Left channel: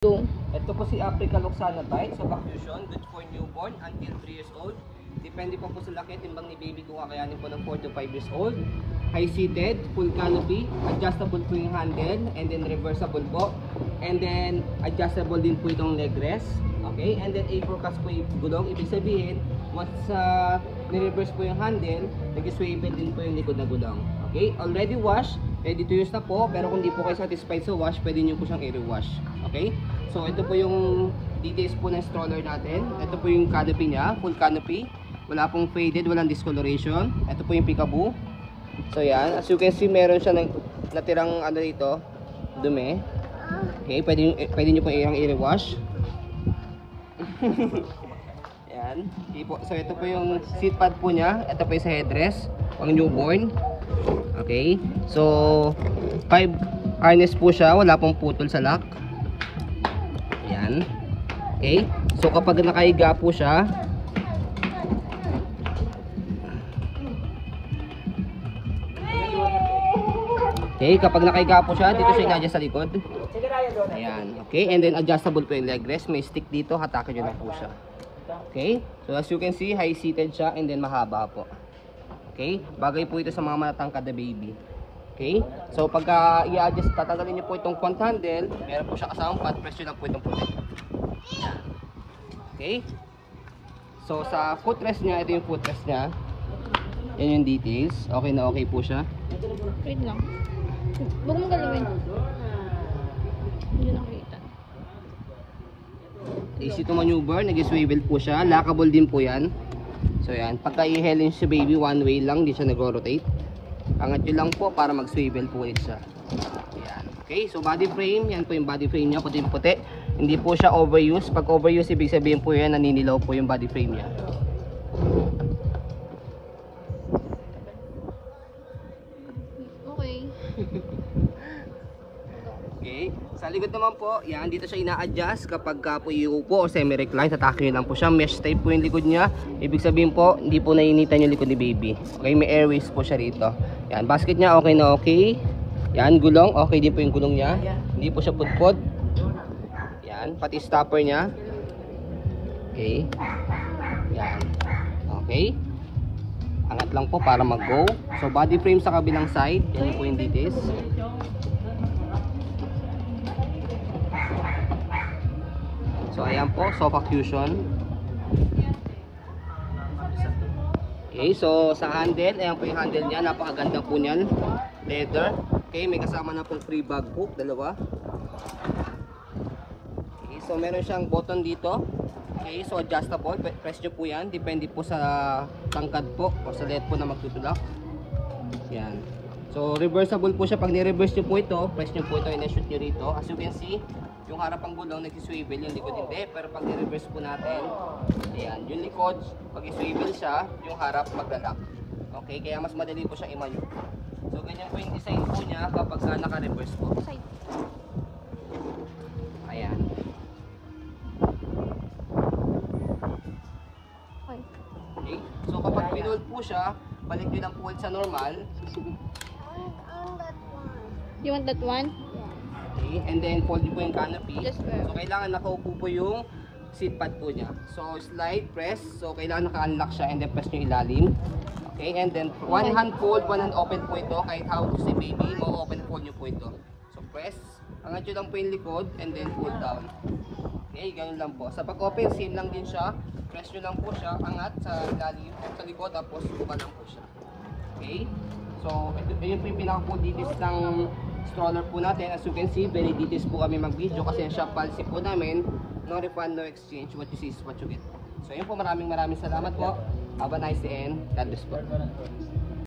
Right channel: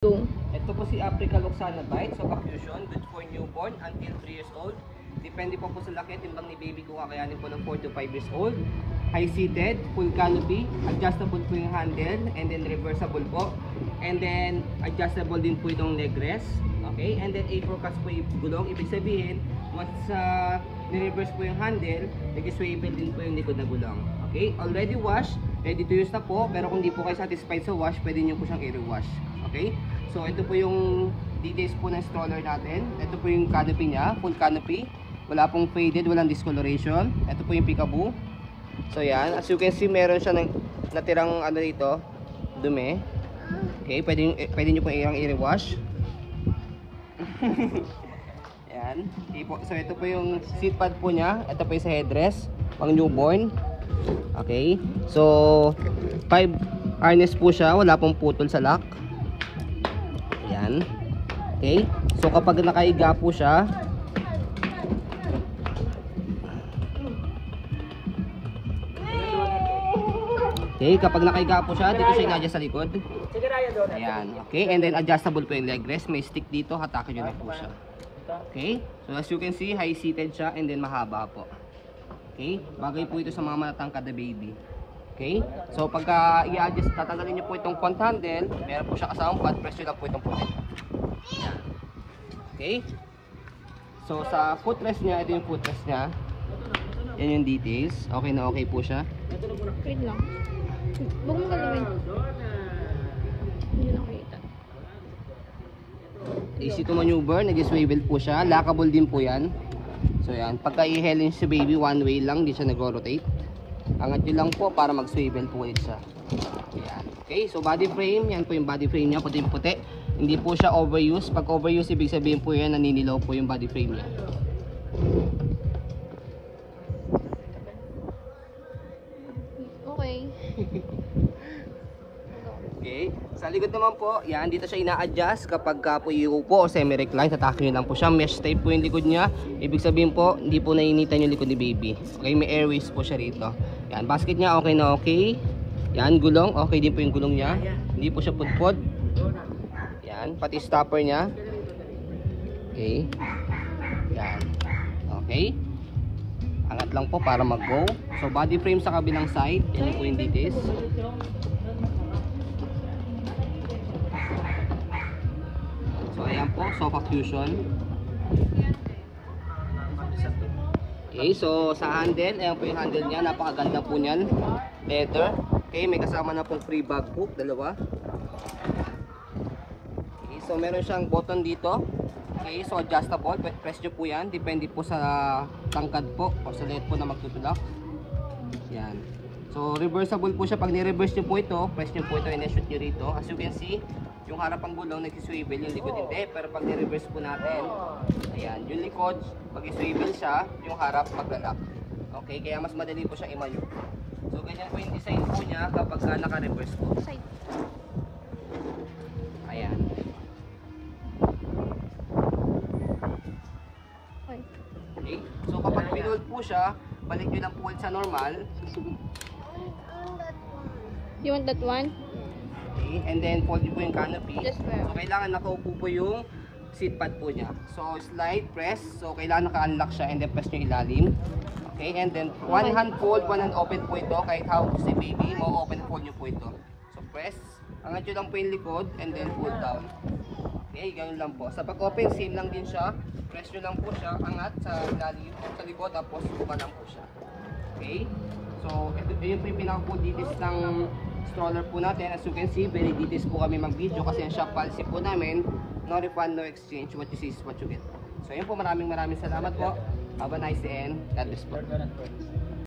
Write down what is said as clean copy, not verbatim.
Go. Ito po si Africa Loxanatide sa Vacuation, good for newborn until 3 years old. Depende po sa laki at timbang ni baby kung kakayanin po ng 4 to 5 years old. High seated, full canopy, adjustable po yung handle, and then reversible po. And then adjustable din po itong leg rest. Okay, and then A4 po yung gulong. Ibig sabihin, once ni-reverse po yung handle, nag-swivel din po yung likod na gulong. Okay, already washed, ready to use na po. Pero kung di po kayo satisfied sa wash, pwede nyo po siyang i-rewash. Okay, so ito po yung details po ng stroller natin. Ito po yung canopy niya, full canopy. Wala pong faded, walang discoloration. Ito po yung peekaboo. So yan, as you can see, meron siya natirang ano dito, dumi. Okay, pwede nyo po i-rewash. Yan. Okay po. So ito po yung seat pad po niya. Ito po yung sa headrest, pang newborn. Okay, so 5 harness po siya, wala pong putol sa lock. Yan. Okay, so kapag nakahiga po siya, okay, kapag nakahiga po siya, dito siya i-adjust sa likod. Ayan. Okay, and then adjustable po yung leg rest. May stick dito, hatakin nyo na po siya. Okay, so as you can see, high seated siya and then mahaba po. Okay, bagay po ito sa mga matatangkad na baby. Okay, so pagka i-adjust, tatanggalin nyo po itong front handle, meron po siya kasama flat, press nyo lang po itong puti. Ayan. Okay, so sa footrest niya, ito yung footrest niya. Yan yung details. Okay na okay po siya. Wait lang. Huwag mong galawin. Hindi nakita. Easy to maneuver, nag-swivel po siya. Lockable din po yan. So yan, pagka i-helin si baby, one way lang, di siya nag-rotate. Angat nyo lang po para mag-swivel po ulit siya. Okay, so body frame, yan po yung body frame niya, puti-puti. Hindi po siya overuse. Pag overuse, ibig sabihin po yan, naninilaw po yung body frame niya. Okay. Okay, sa likod naman po, yan, dito siya ina-adjust kapag po iuupo o semi-recline, tatakin lang po siya. Mesh type po yung likod niya. Ibig sabihin po, hindi po nainitan yung likod ni baby. Okay, may airways po siya rito. Yan, basket niya okay na okay. Yan, gulong, okay din po yung gulong niya. Hindi po siya pudpod. Yan, pati stopper niya. Okay. Yan. Okay. Angat lang po para mag-go. So body frame sa kabilang side, yan po yung details. So ayan po, sofa cushion. Okay, so sa handle, ayan po yung handle niya, napakaganda po niyan. Leather. Okay, may kasama na pong free bag hook, dalawa. Okay, so meron siyang button dito. Okay, so adjustable, press nyo po yan, depende po sa tangkad po, o sa lead po na magtutulak. Yan. So reversible po siya, pag ni-reverse nyo po ito, press nyo po ito, in-shoot nyo rito. As you can see, yung harapang gulong nag-swivel, yung likod hindi, pero pag ni-reverse po natin, ayan, yung likod, pag i-swivel siya, yung harap maglalak. Okay, kaya mas madali po siya i-maneuver. So ganyan po yung design po niya kapag naka-reverse po. Side. Ayan. Okay. Okay, so kapag pinold po siya, balik nyo na po sa normal. You want that one? Okay, and then fold po yung canopy. Just where? So kailangan nakaupo po yung seat pad po niya. So slide, press. So kailangan naka-unlock siya and then press nyo ilalim. Okay, and then one hand fold, one hand open po ito. Kahit how to si baby, mo-open fold nyo po ito. So press, angat nyo lang po yung likod and then fold down. Okay, ganyan lang po. Sa pag-open, same lang din siya. Press nyo lang po siya, angat sa ilalim, sa likod, tapos buka lang po siya. Okay, so ito yung pinaka-full details ng stroller po natin. As you can see, very details po kami mag-video kasi yung shock policy po namin, no refund, no exchange, what you see is what you get. So yun po, maraming salamat po. Have a nice day and God bless po.